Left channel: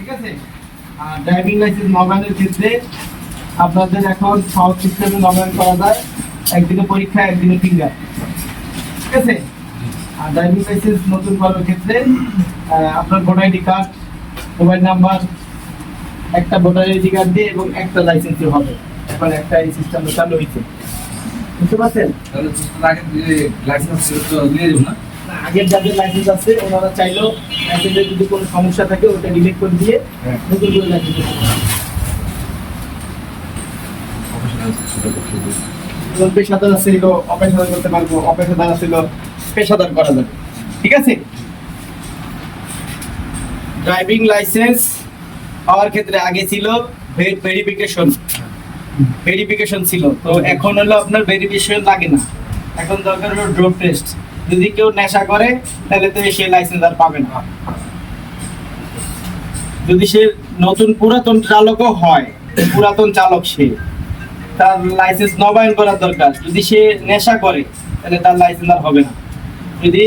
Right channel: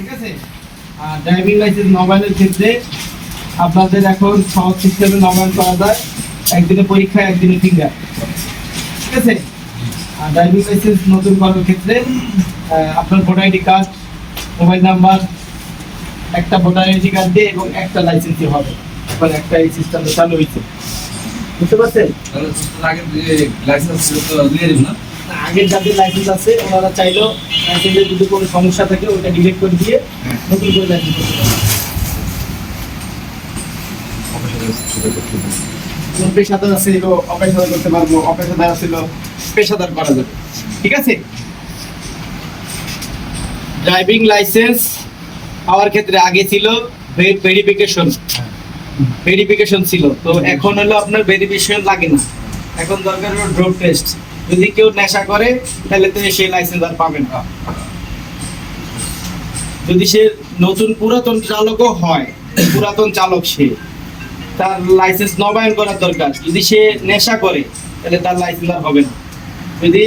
ঠিক আছে? আর driving licence নবায়নের ক্ষেত্রে আপনাদের এখন সহজ সিস্টেমে নবায়ন করা যায়। একদিনে পরীক্ষা একদিনে ফিঙ্গার ঠিক আছে? আর ড্রাইভিং লাইসেন্স নতুন করার ক্ষেত্রে আপনার voter ID card mobile number একটা ভোটার আইডি কার্ড দিয়ে এবং একটা লাইসেন্সই হবে। মানে একটা এই সিস্টেম চালু হয়েছে। বুঝতে পারছেন? লাইসেন্স না। আগের যাদের লাইসেন্স আছে ওনারা চাইলেও লাইসেন্সের যদি কোনো সমস্যা থাকে ওটা ডিলিট করে দিয়ে। নতুন করে লাইসেন্স করতে পারবে পেশাদার এগুলো অপেশাদার করতে পারব অপেশাদার পেশাদার করা যাবে। ঠিক আছে? ড্রাইভিং লাইসেন্স পাওয়ার ক্ষেত্রে আগে ছিল ভেরিফিকেশন ভেরিফিকেশন ছিল। তো এখন হলো আপনার ভেরিফিকেশন লাগে না। এখন দরকার হলো ড্রোপ টেস্ট যদি কেউ নেশা করে, তাহলে তো সেই লাইসেন্স আর পাবে না। যদি সে নতুন পুরাতন চালকও হয়, পুরাতন চালক সে, তার লাইসেন্স নবায়ন করা দরকার। যদি সে নেশা করে, তাহলে তার লাইসেন্স আর হবে না। যদি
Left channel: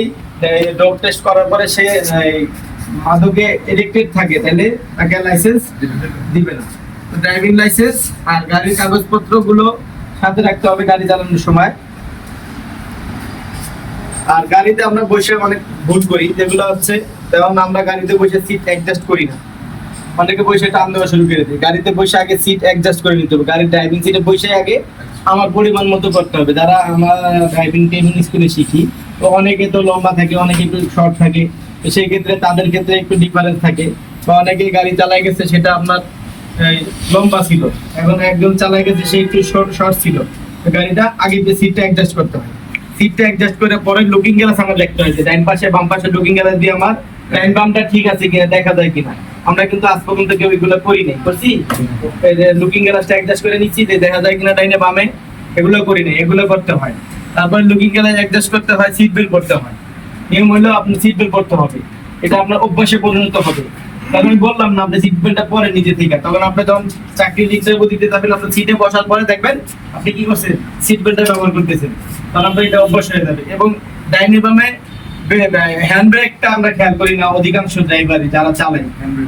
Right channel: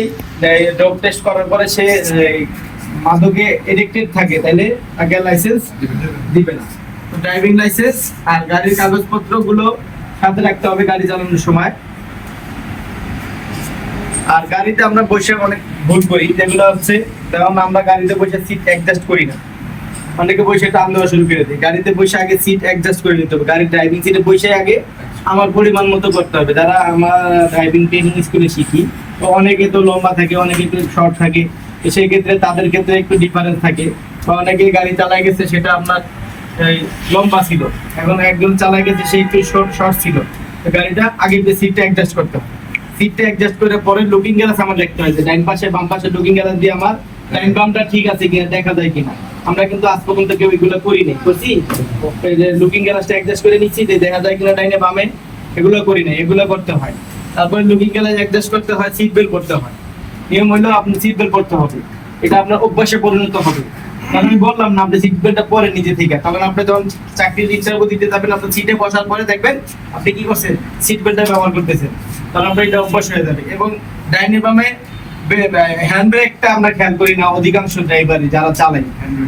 ড্রপ টেস্ট করার পরে সে মাদকে এডিক্টেড থাকে, তাহলে তাকে লাইসেন্স দিবে না। ড্রাইভিং লাইসেন্স আর গাড়ির কাগজপত্রগুলো সাথে রাখতে হবে গাড়ি চালানোর সময়। আর গাড়িতে আমরা বসে অনেক ভুল করি, যেগুলো হচ্ছে, যেমন আমরা গাড়িতে বসে সিট অ্যাডজাস্ট করি না। অনেকে বসে টান দেওয়া শুরু করে দেয়। গাড়িতে বসে আগে সিট অ্যাডজাস্ট করে নিতে হবে। গাড়ির ড্রাইভিং সিটে বসে আগে আমার পরিমাণ মতো করতে হবে। যারা আমার ড্রাইভিং ট্রেনিং স্কুলে শিখি, তো অনেকে তো লম্বা থাকে, অনেকে একটু শর্ট থাকে সেই ক্ষেত্রে তাদের ক্ষেত্রে একটু ডিফারেন্স থাকে। বা অনেকে গাড়ি চালাই গেছে, সেটা আপনার লম্বা ছিল। এখন একজন চালাই গেছে, সে একটু শর্ট শর্ট ছিল। গাড়িটা আগে সিটটা অ্যাডজাস্ট করতে হবে। সিটটা অ্যাডজাস্ট করে পরে লুকিং গ্লাস আমার দেখতে হয়েছে ডাইন পাশে, বাম পাশে লুকিং গ্লাস দিয়ে আমার ডাইন বামটা ঠিক আছে কিনা, দেখা যায় কিনা। আমরা কিন্তু আজ পর্যন্ত কেউ এগুলো করছি? লুকিং গ্লাসটা অ্যাডজাস্ট করে নিচ্ছি, যে দেখা যায় কিনা ডাইনে বামে, এগুলো করি নাই এগুলো করতে হয়। তারপরে লুকিং গ্লাস অ্যাডজাস্ট করতে হয় সিট বেল্ট করতে হয়। নিয়ম হলো আপনি সিট বেল্ট করতে হবে। এটা আপনার অভ্যাসে পরিণত হবে। আমি বললাম না, আপনি সিট বেল্টটা পরে নিজে থেকে। তখন আপনি যখন দিতে যাবেন আপনার সিটে বসার পরে দেখবেন আপনি কি করছেন? সিট বেল্টটা ব্যবহার করতেছেন। তখন এটা অভ্যাস হয়ে যাবে। এবং ডাইনি বামে হ্যান্ড ব্রেকটা আমরা খেয়াল করি না, অধিকাংশ ড্রাইভারই যারা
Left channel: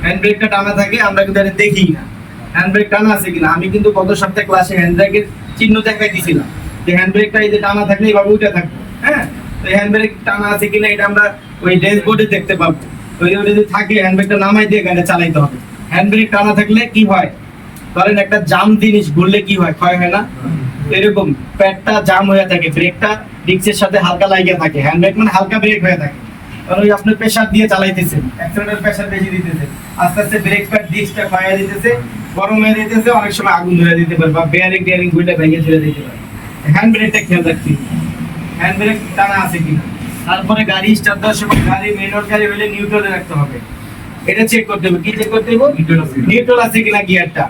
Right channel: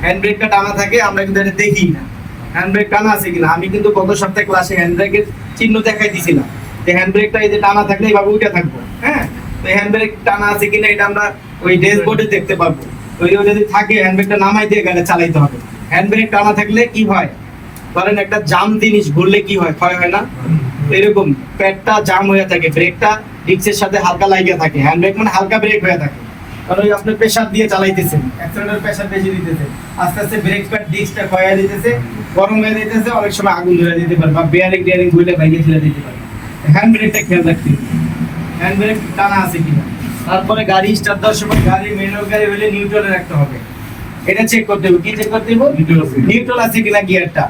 হ্যান্ড ব্রেকটা টানা থাকে, আমরা কিন্তু এটা দেখি না। হ্যান্ড ব্রেক টানা আছে কিনা? আমি কিন্তু গত সপ্তাহে ক্লাসে হ্যান্ড ব্রেকের চিহ্ন দেখাই দিছিলাম। যে হ্যান্ড ব্রেকটা এই যে টানা থাকলে এইভাবে উঠে থাকব হ্যাঁ? তো হ্যান্ড ব্রেক টানা আছে কিনা এটা আমরা ওই ড্যাশবোর্ডে দেখতে পাবো যদি থাকে নামাই দিয়ে গাড়ি চালাইতে হবে। টানা থাকলে কি হয়? ধরেন একটা জাম জিনিস ঘুরলে কি হয়? ক্ষয় হয় না? এরকম প্যাডটা জাম হয়ে থাকে, ব্রেকটা ডিক্সের সাথে হালকা লাগিয়ে থাকে। মানে হালকা ব্রেক হয়ে থাকে। কারণ ওই আপনি প্রেসার দিয়ে চালাইতেছেন প্রেসার বেশি দিতেছে আস্তে আস্তে ব্রেক প্যাড ডিক্সটা ক্ষয় হয়ে গরম হয়ে অনেক সময় আগুন ধরে দিতে পারে বা বেয়ারিং টিয়ারিং ঘুরলে ভেঙে দিতে পারে। হ্যান্ড ব্রেকটা খেয়াল রাখতে হ্যান্ড ব্রেক টানা আছে কিনা? তারপরে গাড়ি স্টার্ট দেওয়ার সময় গাড়ি মেনুয়াল গাড়ি হলে নিউট্রালে রাখতে হবে। এটা চেক করতে হবে। কি চেক করতে হবে? নিউট্রাল আছে। কিনা গিয়ারটা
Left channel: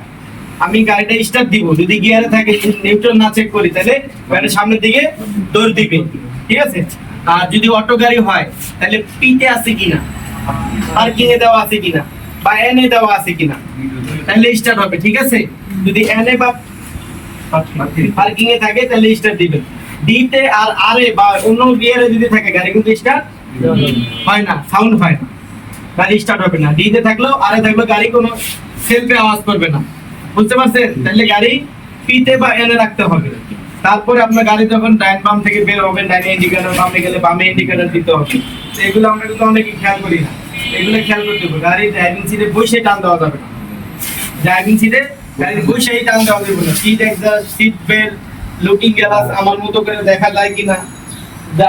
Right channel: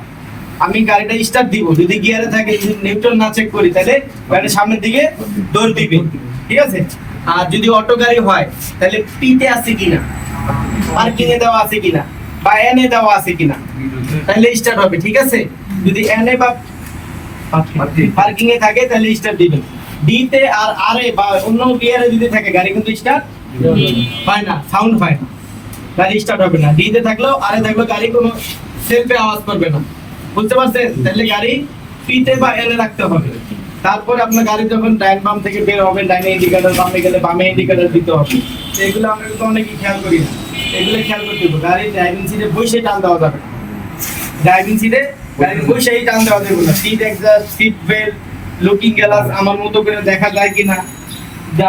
আমি গাড়িটা স্টার্ট দিব। যদি গিয়ারে থাকে নিউট্রাল না চেক করি তাহলে গাড়ি সামনের দিকে দৌড় দিবে। ঠিক আছে? আর যদি অটো গাড়ি হয় তাহলে পিতে আছে কিনা? পার্কিং এ দেওয়া আছে কিনা? বা এন এ দেওয়া আছে কিনা? তাহলে স্টার্ট হবে। ঠিক আছে? যদি এন এ বা পার্কিং এ। থাকে তাহলে স্টার্ট দিবেন। ডি তে আর আর এ বা অন্য গিয়ারে যদি থাকে, গাড়ি কিন্তু স্টার্ট হয় না সাউন্ড হয় না। গাড়ি স্টার্ট হবে না। ডি তে থাকলেও আর এ থাকলেও গাড়ি কোনো সেলফে আওয়াজ করবে না। বুঝতে পারছেন? তাহলে গাড়ি পি তে বা এন রাখতে হবে। তারপরে আপনার গাড়ি যখন ডাইন বাম থেকে বের হবে, ডাইনে ইন্ডিকেটর বামে গেলে বামে ইন্ডিকেটর দিতে হবে। তো এগুলো আমরা কিন্তু অনেকেই খেয়াল করি না। এগুলো খেয়াল করতে হবে। গাড়ি ড্রাইভিং সিটে বসে টান দেওয়া যাবে না। ড্রাইভিং সিটে গাড়ির বসেই টান দেওয়া যাবে না। Seat exhaust seat belt looking glass আমার মতো করে দেখা যায় কিনা?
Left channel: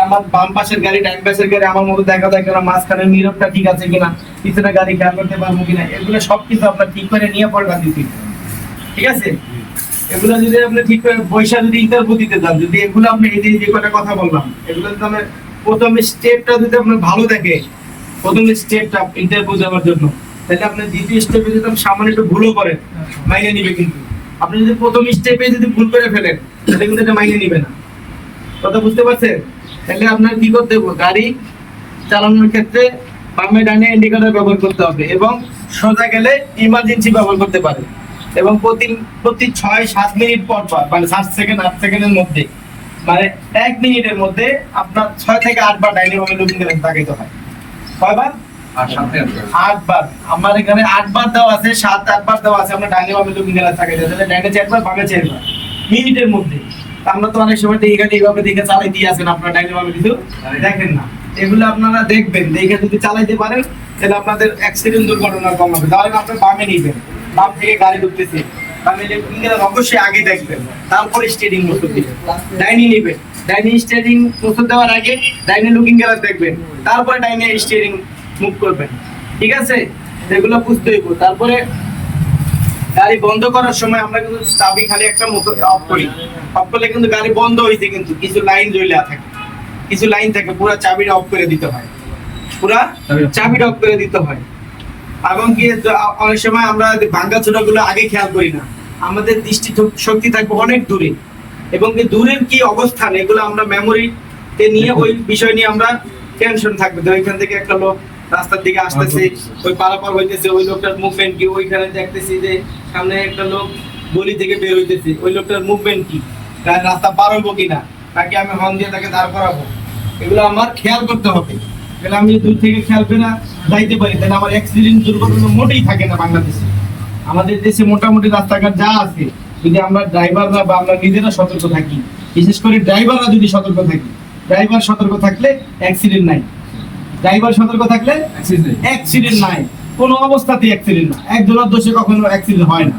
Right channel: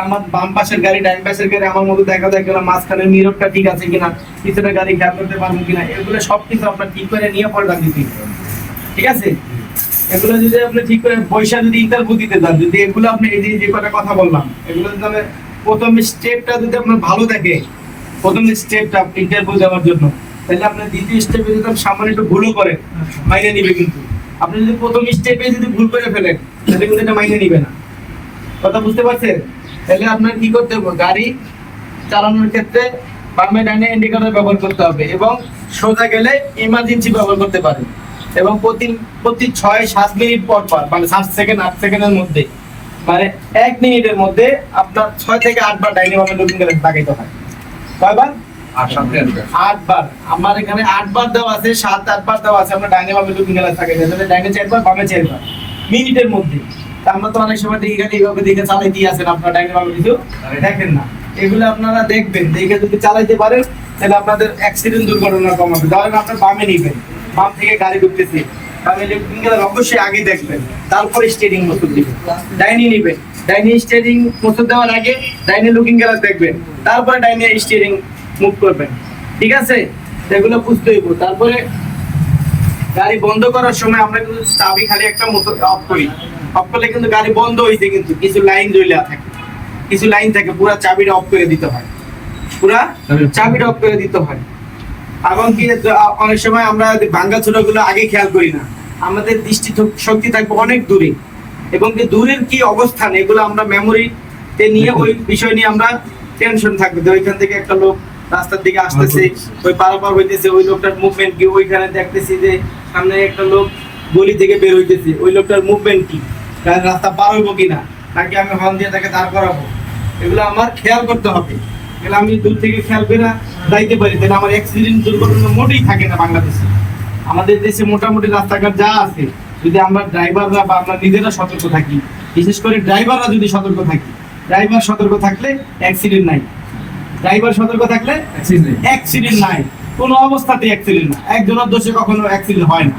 আমার বাম পাশের গাড়ি ডাইন পাশের গাড়ি আমার মতো দেখা যায় কিনা? মাঝখানে মিররটা ঠিক আছে কিনা? পিছনে গাড়ি খেয়াল করতে পারব কিনা? এগুলো সব কিছু আপনার ঠিক করে নিয়ে পরে গাড়ি দিতে ঠিক আছে? এগুলো যদি আপনি ঠিক করে পয়সা যদি ইন্টারভিউ দিতে চান যদি এগুলো আপনি এই যে কটা কথা বললাম, এগুলো যদি আপনি প্রথম স্টেপটা যদি আপনার ভালো থাকে, প্রথম স্টেপটা ইন্টারভিউ দেওয়ার জন্য, তাহলে আপনি দ্বিতীয় স্টেপে যদি সামান্য একটু ভুলও করেন, মাইনে নিবে কিন্তু। আপনি যদি প্রথম স্টেপে যদি ভুল করে ফেলেন তাহলে কিন্তু এটা মাইনে নিবে না। কথা বুঝতে পারছেন? তাহলে আপনার কি করতে হবে? গাড়ি চালানোর ক্ষেত্রে বামে ডানে ইন্ডিকেটর ব্যবহার করতে হবে এবং সোজা গেলে ইমার্জেন্সি ব্যবহার করতে পারে। এবং প্রতি প্রতি ছয় সাত মিনিট পর পর মানে সাত সেকেন্ড আট সেকেন্ডের মধ্যে মানে এক মিনিটের মধ্যে আপনার ছয় থেকে আট বার ডাইনি বামে লুকিং গেলে তাকাইতে হয়। কয়বার আর সাথে আট বার। আমার এখানে আট বার দেওয়া আছে সাত আট বার দেওয়া আছে আমরা ডাইনে বামে লুকিং গ্লাস থাকে যেটা ডাইনে চারবার বামে চারবার। মিনিটের মধ্যে। আমরা তো অনেক সময় দেখি এইভাবে দেখে চালাই দিয়ে আসেন আপনারা ডাইনে বামে কিছু দেখেন না। এগুলো আপনারা দেখবেন দেখে যদি চালাইতে পারেন তাহলে আপনাদের অ্যাক্সিডেন্ট দুর্ঘটনা কমাবে। ধরেন আপনার বামে নিবেন বাম থেকে গাড়ি ঢুকতেছে। বামে লুকিং গ্লাস অবশ্যই আগে দেখবেন তারপরে স্টিয়ারিং মোটর দিবেন। ডাইনি নিবেন ডাইনি স্টিয়ারিং মোটর দেওয়ার আগে ডাইনি লুকিং গ্লাস দেখবেন তারপরে ডাইনি স্টিয়ারিং মুভ করবেন। ঠিক আছে? এগুলো বুঝতে হইব। তারপরে গাড়ি বন্ধ করার সময় আমরা কিন্তু চাবি খালি একটা মতো অফ করি। অফ করলে কিন্তু গাড়ি বন্ধ হয়েছে কিন্তু কিছু লাইন রইলা থাকে। কিছু লাইন থাকে পুরো চাবিটা অফ করে দিতে হয়। পুরা চাবিটা অফ করে দিতে হয়। এবং কি অনেক সময় আমরা ভাঙ্গা গুলো আগে খেয়াল করি না। আমাদের দৃষ্টি শক্তি থাকবে অনেক দূরে। এবং কি দূরের কি অবস্থান এগুলো আমরা মেমোরিতে নিয়ে ওই বিষয় নিয়ে আমরা টেনশন থাকবে। যে ওইখান থেকে একটা লোক রাস্তার দিকে আসতেছে ওই পারাপার হইতেছে ওই লোকটার মুভমেন্ট কি ওইখানে দেখতেছি যে সামনে একটা লোক গলি থেকে বের হইতেছে। ওই লোকটার মুভমেন্ট কি? তার রাস্তা পার হইব কিনা তাকে আমি হর্ন দিয়ে তাকে দাঁড় করাবো। এগুলো আমার খেয়াল করতে হবে। তাহলে আমি দূর থেকে খেয়াল করে না যাইতে পারি। তাহলে আমার অ্যাক্সিডেন্ট দুর্ঘটনা মোটেই থাকে না বাংলাদেশে। আমাদের দেশে মোটামুটি রাস্তাঘাট যা আছে যদি আমরা ড্রাইভাররা বা আমরা নিজেরা সতর্ক থাকি বিশেষ করে ড্রাইভাররা যদি সতর্ক থাকি ড্রাইভার সতর্ক থাকলে অ্যাক্সিডেন্ট নাই। ড্রাইভার সতর্ক থাকলে অ্যাক্সিডেন্ট নাই। কোনো অবস্থাতেই অ্যাক্সিডেন্ট না। একজনের দোষে কখনো অ্যাক্সিডেন্ট হয় না।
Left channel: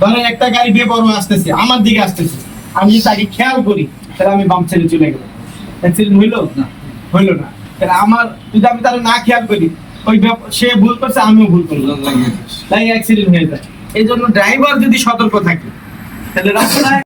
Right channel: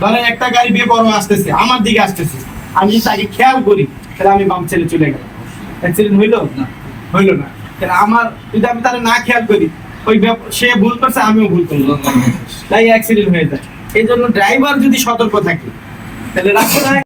ধরেন একটা গাড়ি বেপরোয়া আসতেছে, আমার দিকে আসতেছে। আমি তাকে খেয়াল করি, তাহলে আমি বাম ছেড়ে চলে গেলাম। অ্যাক্সিডেন্ট হইল? না। হইল না। তাহলে আমার যদি আমি তাহলে না খেয়াল করি, ওই সে ভুল করছে, আমিও ভুল করি তাই অ্যাক্সিডেন্ট হয়ে যায়। এই জন্য ড্রাইভার যদি সতর্ক থাকে, তাহলে রাস্তায়